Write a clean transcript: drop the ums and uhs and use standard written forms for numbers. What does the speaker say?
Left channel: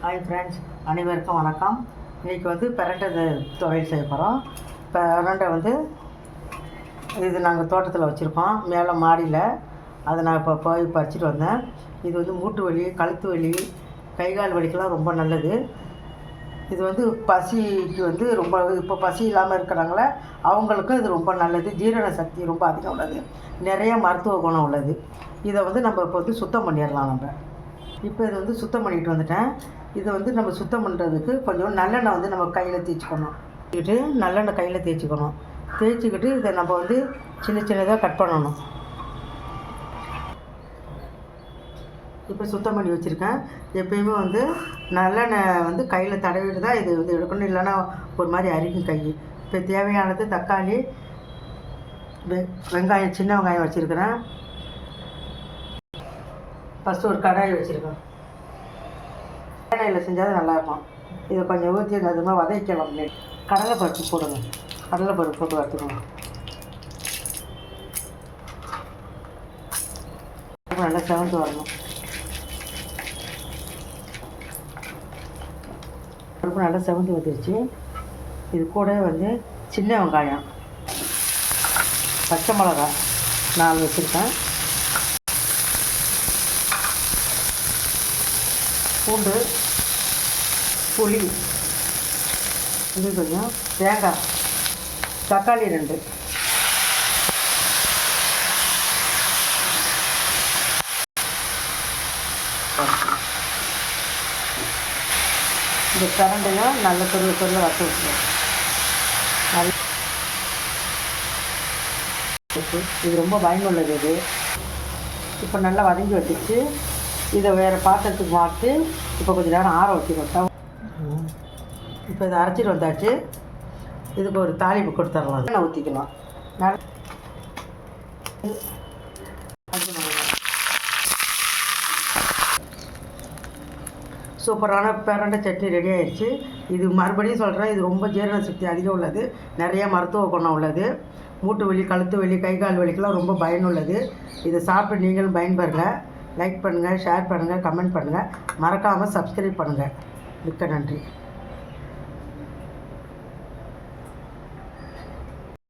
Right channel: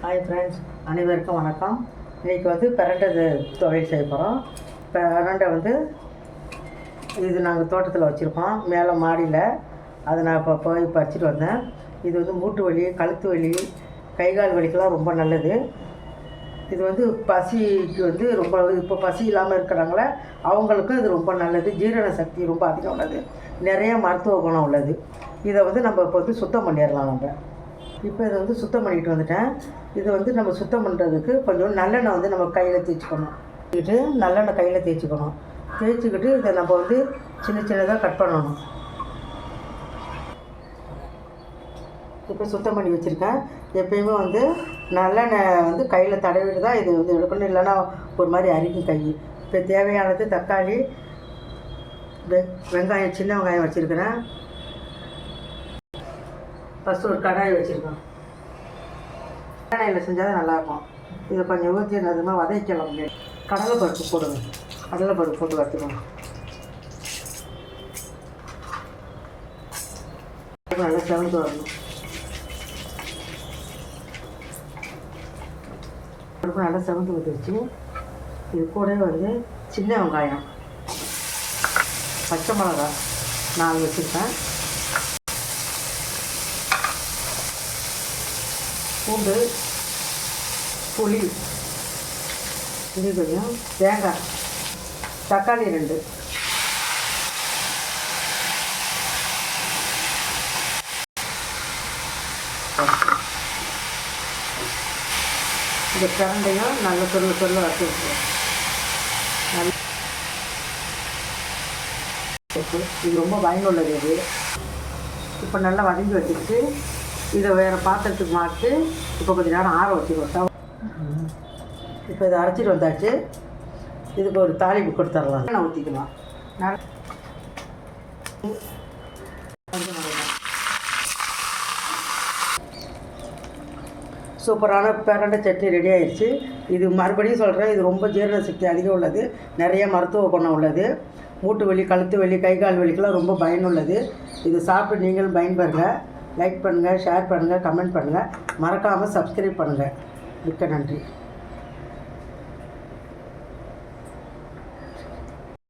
Hi friends, அனைவருக்கும் வணக்கம். இன்றைக்கி வந்து பிரண்டை துவையல் செய்ய போகிறோம். பிரண்டை வந்து இது நாங்கள் தோட்டத்தில் வச்சுருக்கோம், மேலே மாடியில். அதை நான் இப்போ போய் பறிச்சிட்டு வந்தேன். இது வந்து மூட்டு வலி, கழுத்து வலி, கை கால் வலிக்கெல்லாம் ரொம்ப நல்லது. இது வந்து பசிக்கு வந்து ரொம்ப, இப்போ பசி இல்லாமல் இருக்கிறாங்களே அவங்களுக்கும் இது ரொம்ப நல்லது. ஜீரண சக்தி ரொம்ப அதிகம் உள்ளது, நிறைய மருத்துவ குணம் உள்ளது. இதை வந்து நம்ம இப்போ வந்து சுத்தம் பண்ணிடலாம். இப்போ இதை வந்து சுத்தம் பண்ணிட்டு வந்துட்டேன். இதை வந்து நம்ம சுத்தம் பண்ணுறதுக்கு கொஞ்சம் நல்லெண்ணெய் வந்து நம்ம கையில் தேய்ச்சிக்கணும். நல்லெண்ணெய் கையில் தேய்ச்சிக்கிட்டு இதை நம்ம வந்து சின்ன சின்னதாக கட் பண்ணணும். இப்போ சுத்தம் பண்ணி வச்சுருக்கேன். எப்பயுமே வந்து நல்லெண்ணெய் வந்து கையில் தடவிட்டு தான் இது வந்து எடுக்கணும், இல்லைன்னா ஒரு மாதிரி அரிக்கும் கை. இப்போ தேவையானது தக்காளி, வெங்காயம், சின்ன வெங்காயம் வச்சுருக்கிறேன். ஃபஸ்ட்டு ஒரு கடாய் வச்சுருக்கோம். கடாயில் செஞ்சால் நல்லாயிருக்கும். இதை கொஞ்சம் ஊற்றி அதுமாதிரி வதக்கலாம். கடலைப்பருப்பு போடுங்க. கடலைப்பருப்பு போட்டு வறுத்துக்கணும். நல்லா செவந்து வரணும். பருப்பு நல்லா செவந்து வந்துருச்சு. இது கூட வந்து சின்ன வெங்காயம், பச்சை மிளகா 4 வச்சுருக்கேன், பூண்டு, புளி கொஞ்சம், தேங்காய், தக்காளி 2. இந்த பிரண்டையும் நல்ல பெரிய வறுத்து வச்சுக்கணும். இது ரொம்ப பயனுள்ளது. இது இப்போ நல்லா வதங்கி வச்சுட்டு இதை வேறு பாத்திரத்துக்கு மாற்றி இப்போ கொஞ்சம் நேரம் ஆற வச்சுக்கணும். இப்போ இதை அரைச்சிட்டு வந்தாச்சு. இதுக்கு ஒரு தாளிப்பு கொடுத்துடலாம். எண்ணெய் ஊற்றிக்கலாம். சூப்பரான பிரண்டை சட்னி ரெடி ஆயிடுச்சு. இது மறுபடியும் சொல்கிறேன், இது ரொம்ப ஜீரண சக்தி அதிகம் உள்ளது, நிறைய மருத்துவ குணம் உள்ளது. மூட்டு வலி, கழுத்து வலி, கை கால் வலிக்கெல்லாம் ரொம்ப பயனுள்ளது. இதை சாப்பிட்டு நீங்களும் பயன்பெறுங்க. லைக் பண்ணுங்கள், ஷேர் பண்ணுங்கள், கமெண்ட் பண்ணுங்கள், மறக்காமல் சப்ஸ்கிரைப் பண்ணுங்கள். மிக்க நன்றி.